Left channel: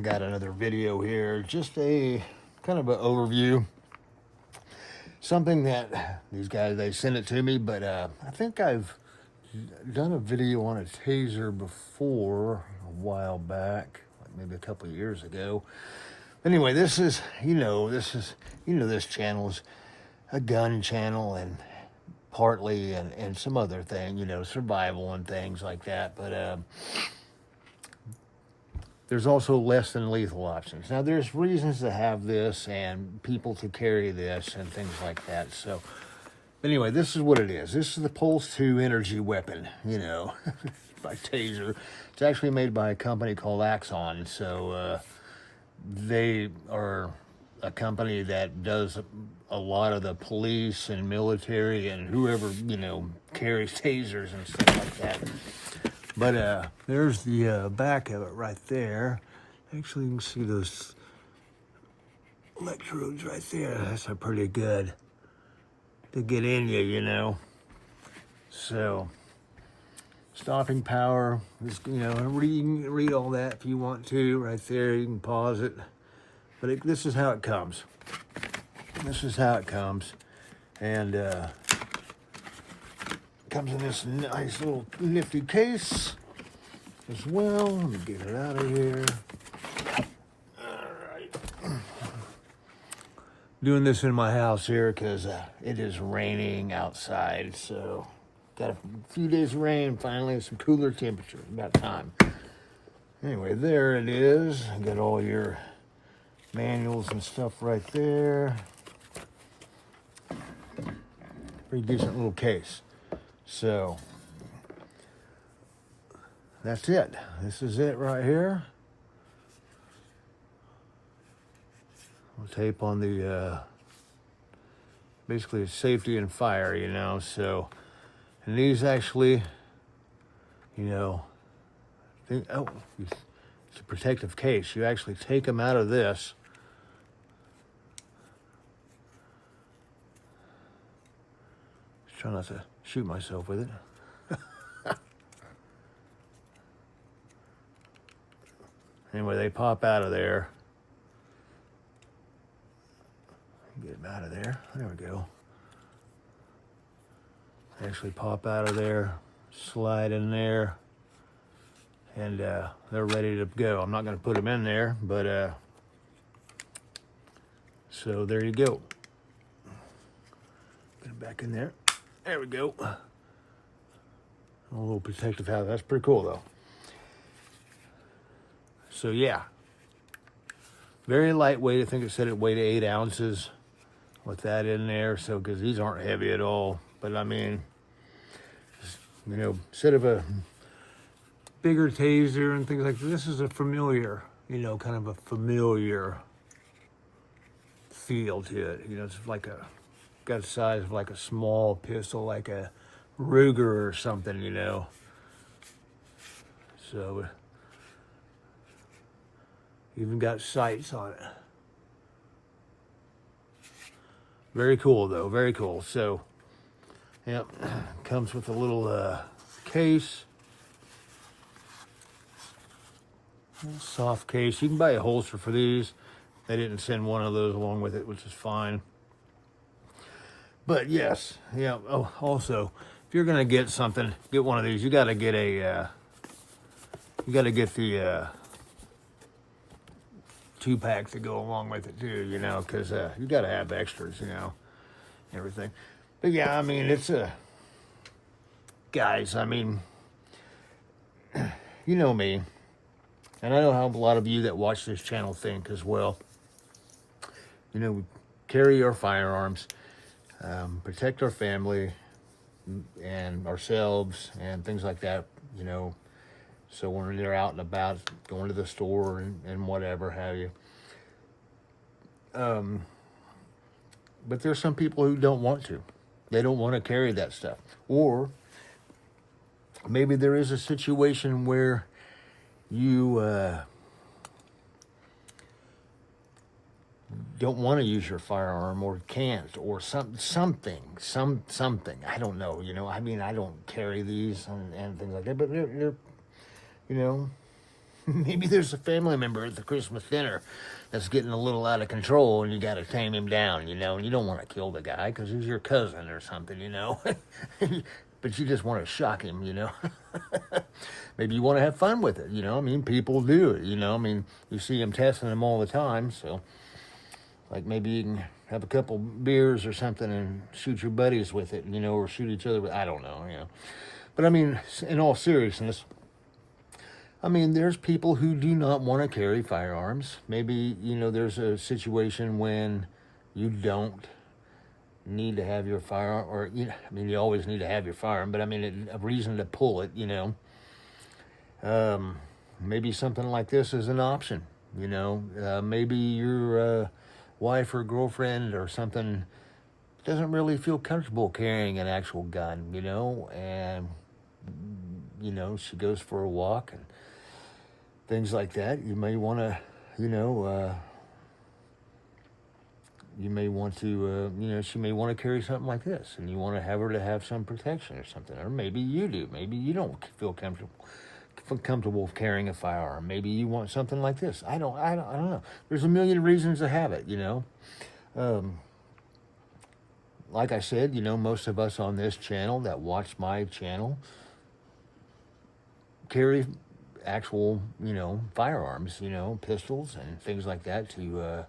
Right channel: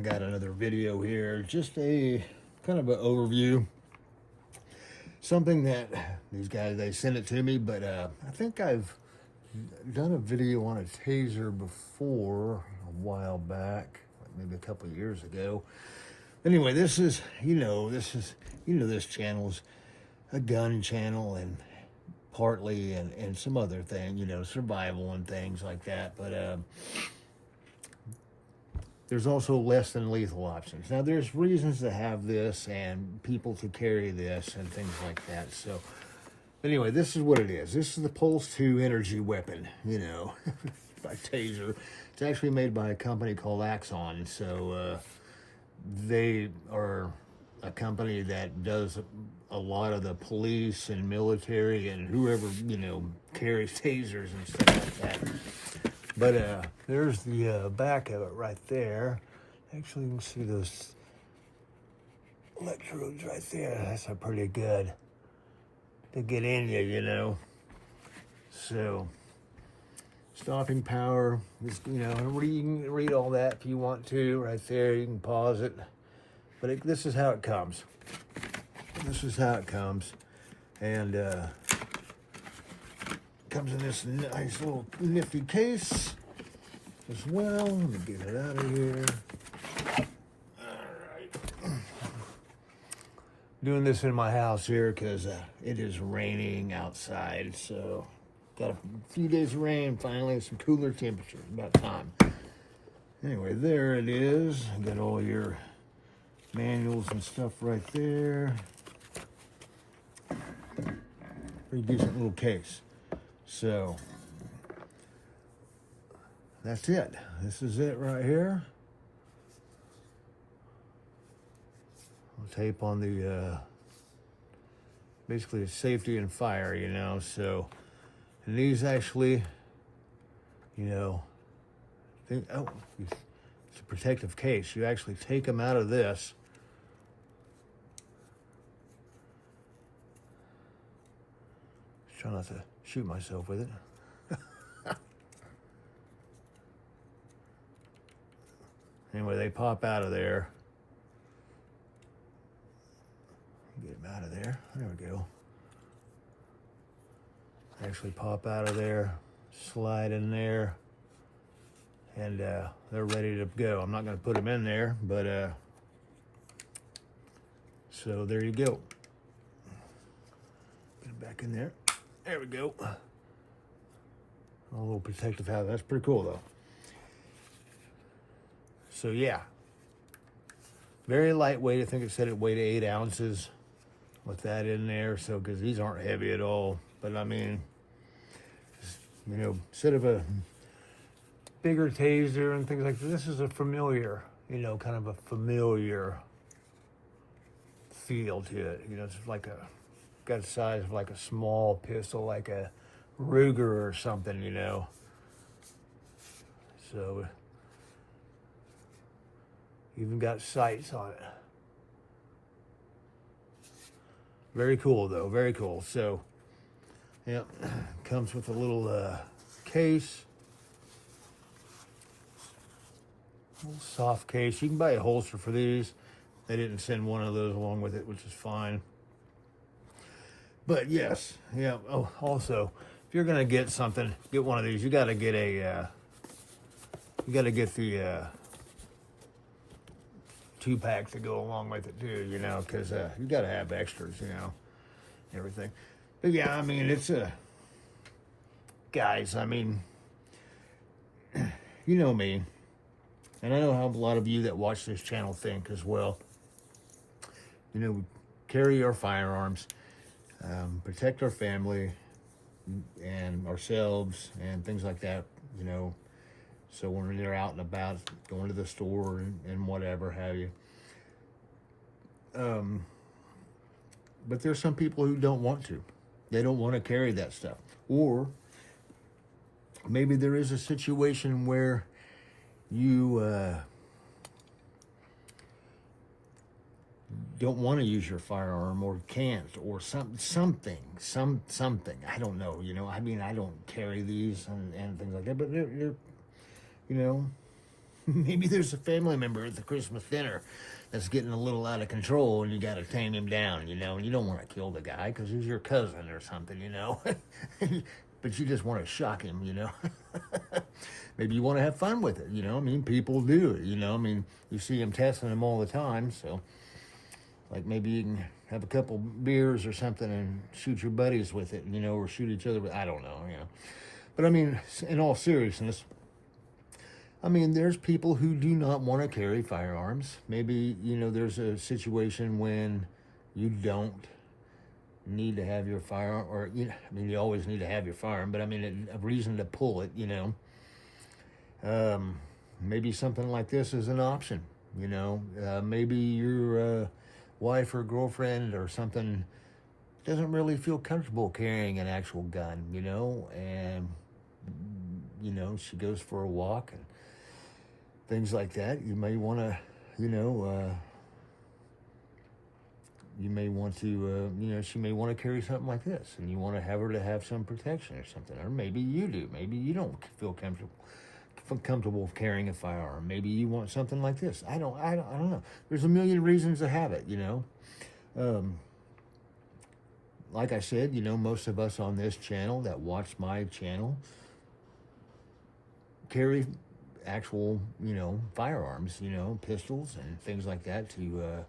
I got another video here, just a kind of an overview. Something that these guys, they sent it to me, but I think I've done a video on a taser before a while back, maybe a couple of years ago. Anyway, this channel's a gun channel and partly and some other thing, survival and things like that. But there's also less than lethal options. Now, there's reasons to have this and people to carry this and things like that. So, anyway, this is what it is. This is the Pulse 2 energy weapon, by Taser. It's actually made by a company called Axon. So, they are a company that does a lot of the police and military and whoever, carries tasers and stuff like that. But there's the back of it right there. Actually, you can see those electrodes right there. That's a pretty good to get in you, So, stopping power. Just, you can read all that if you want to right there. You can pause it. But this is how it comes. This is how it comes. And comes in this nice little nifty case as well. Let me get it out of here. Alright. Doing this in my house here because it is raining outside. So, got a few days of rain, finally, some cooler temperatures. About time. Anyway, there it is. Got all your manuals and stuff right there. Pretty decent little case. So, that's it. This is it right here. We'll tape on the, basically safety and fire, So, and these actually, it's a protective case. You actually take them out of this. Try not to shoot myself with it. Anyway, they pop out of there. Get them out of there. There we go. Actually pop out of there, slide in there, and they're ready to go. I'm not going to put them in there, but so there you go. Put it back in there. There we go. A little protective house. That's pretty cool, though. So, yeah. Very lightweight. I think it said it weighed 8 ounces with that in there. So, because these aren't heavy at all. But, I mean, instead of a bigger taser and things like this is a familiar, kind of a familiar feel to it. It's like got the size of like a small pistol, like a Ruger or something, So, even got sights on it. Very cool, though. Very cool. So, yep, comes with a little case. Soft case. You can buy a holster for these. They didn't send one of those along with it, which is fine. But yes, yeah. Oh, also, if you're gonna get something, get one of these. You got to get a. You got to get the 2-pack to go along with it too. Because you got to have extras. Everything. But yeah, I mean, it's a. Guys, I mean, you know me, and I know how a lot of you that watch this channel think as well. We carry our firearms. Protect our family and ourselves and things like that, so when they're out and about, going to the store and whatever have you. But there's some people who don't want to. They don't want to carry that stuff. Or maybe there is a situation where you don't want to use your firearm or can't or something. I don't know, I mean, I don't carry these and things like that, but they're maybe there's a family member at the Christmas dinner that's getting a little out of control, and you got to tame him down, and you don't want to kill the guy because he's your cousin or something. But you just want to shock him. Maybe you want to have fun with it, I mean, people do it, I mean, you see them testing them all the time, so like maybe you can have a couple beers or something and shoot your buddies with it, or shoot each other with, I don't know. But I mean, in all seriousness, I mean, there's people who do not want to carry firearms. Maybe, there's a situation when you don't need to have your firearm, or, I mean, you always need to have your firearm, but I mean, a reason to pull it, maybe something like this is an option, maybe your wife or girlfriend or something doesn't really feel comfortable carrying an actual gun, and, she goes for a walk and things like that. You may want to, she may want to carry something like this, and you want to have her to have some protection or something. Or maybe you do. Maybe you don't feel comfortable carrying a firearm. Maybe you want something like this. I don't know. There's a million reasons to have it, Like I said, most of us on this channel that watch my channel carry actual, firearms, pistols and things like that to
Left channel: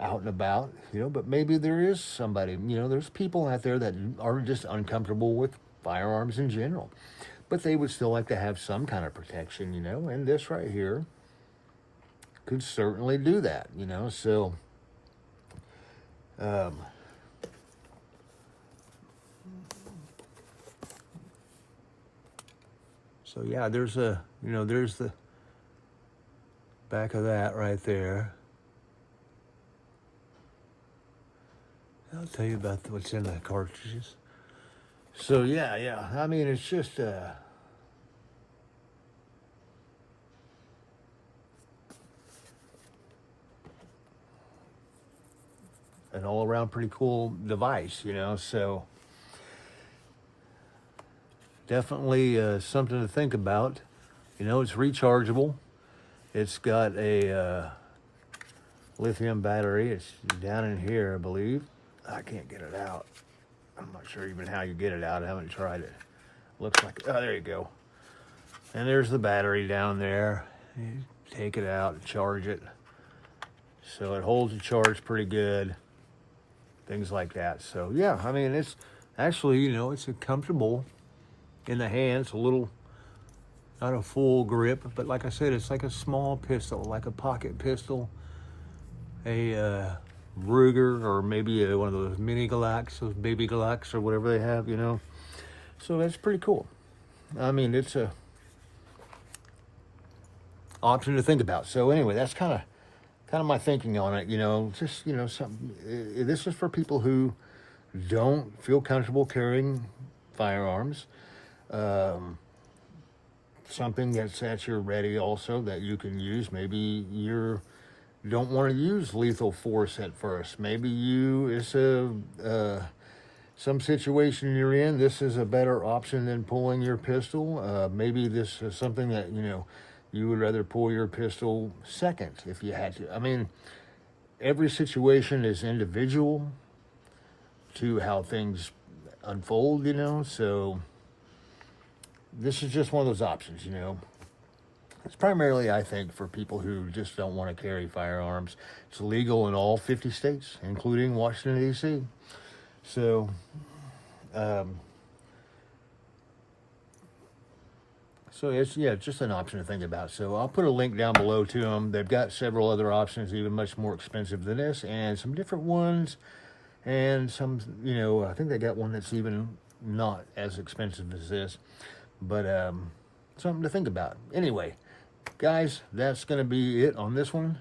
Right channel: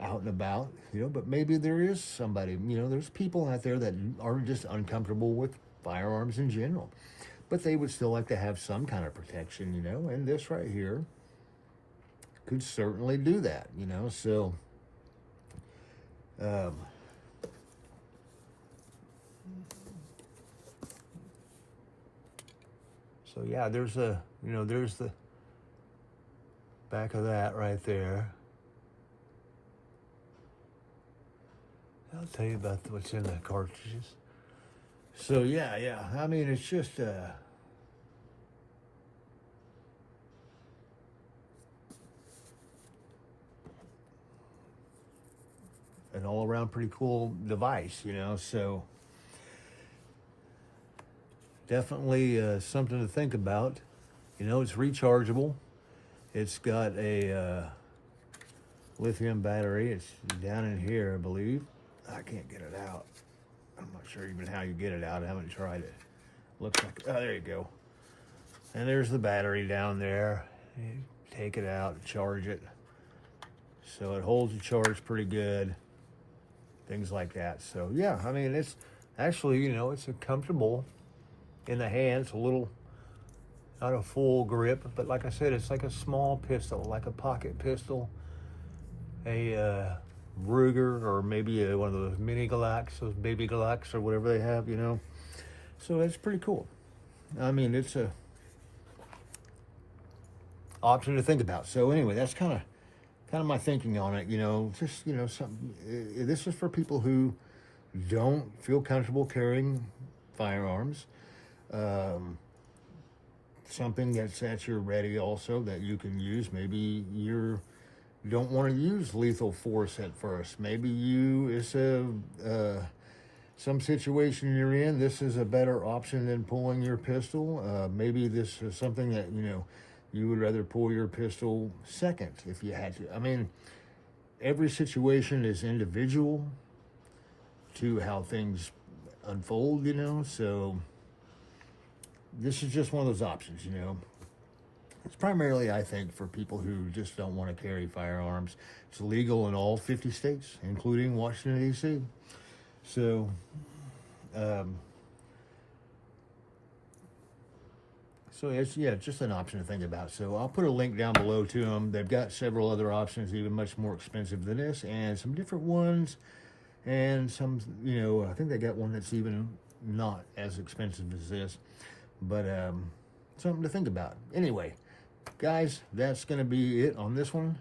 out and about, but maybe there is somebody, there's people out there that are just uncomfortable with firearms in general, but they would still like to have some kind of protection, and this right here could certainly do that, so, so yeah, there's there's the back of that right there. I'll tell you about what's in the cartridges. So yeah. I mean, it's just an all-around pretty cool device, So definitely something to think about. It's rechargeable. It's got a lithium battery. It's down in here, I believe. I can't get it out. I'm not sure even how you get it out. I haven't tried it. Looks like, oh, there you go. And there's the battery down there. You take it out and charge it. So it holds the charge pretty good. Things like that. So yeah, I mean, it's actually, it's a comfortable in the hands, a little, not a full grip, but like I said, it's like a small pistol, like a pocket pistol, a Ruger, or maybe one of those mini Glocks, those baby Glocks, or whatever they have, So that's pretty cool. I mean, it's a option to think about. So anyway, that's kind of my thinking on it. Just something. This is for people who don't feel comfortable carrying firearms. Something that's at your ready also that you can use. Maybe you don't want to use lethal force at first. Maybe it's some situation you're in. This is a better option than pulling your pistol. Maybe this is something that, you would rather pull your pistol second if you had to. I mean, every situation is individual to how things unfold, so this is just one of those options, It's primarily, I think, for people who just don't want to carry firearms. It's legal in all 50 states, including Washington, D.C. So, it's just an option to think about. So I'll put a link down below to them. They've got several other options, even much more expensive than this, and some different ones, and some, I think they got one that's even not as expensive as this, but something to think about. Anyway, guys, that's going to be it on this one.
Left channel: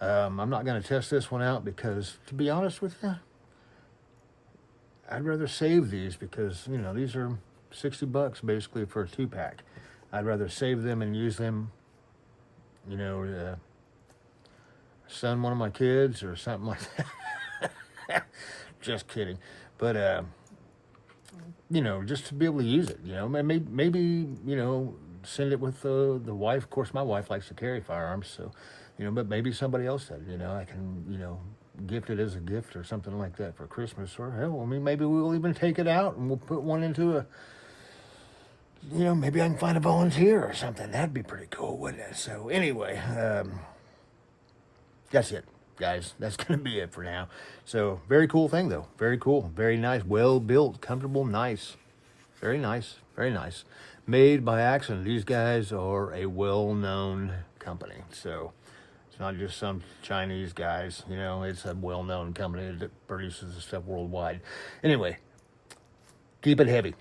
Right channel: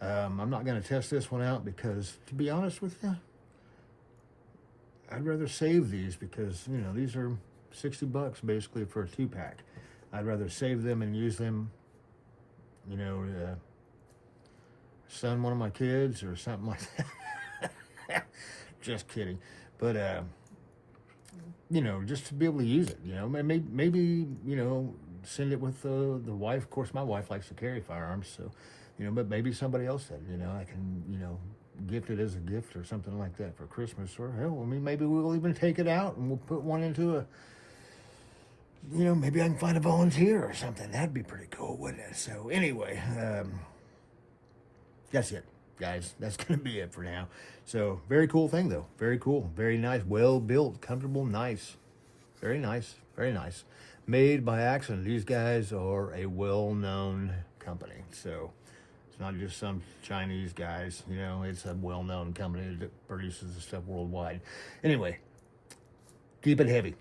I'm not going to test this one out because, to be honest with you, I'd rather save these because, these are $60 basically for a 2-pack. I'd rather save them and use them, to son one of my kids or something like that. Just kidding. But, just to be able to use it, maybe, send it with the wife. Of course, my wife likes to carry firearms, so, but maybe somebody else said, I can, gift it as a gift or something like that for Christmas. Or, hell, I mean, maybe we'll even take it out and we'll put one into a, maybe I can find a volunteer or something. That'd be pretty cool, wouldn't it? So, anyway, that's it, guys. That's going to be it for now. So, very cool thing, though. Very cool. Very nice. Well built. Comfortable. Nice. Very nice. Very nice. Made by Axon. These guys are a well-known company. So, it's not just some Chinese guys. It's a well-known company that produces this stuff worldwide. Anyway, keep it heavy.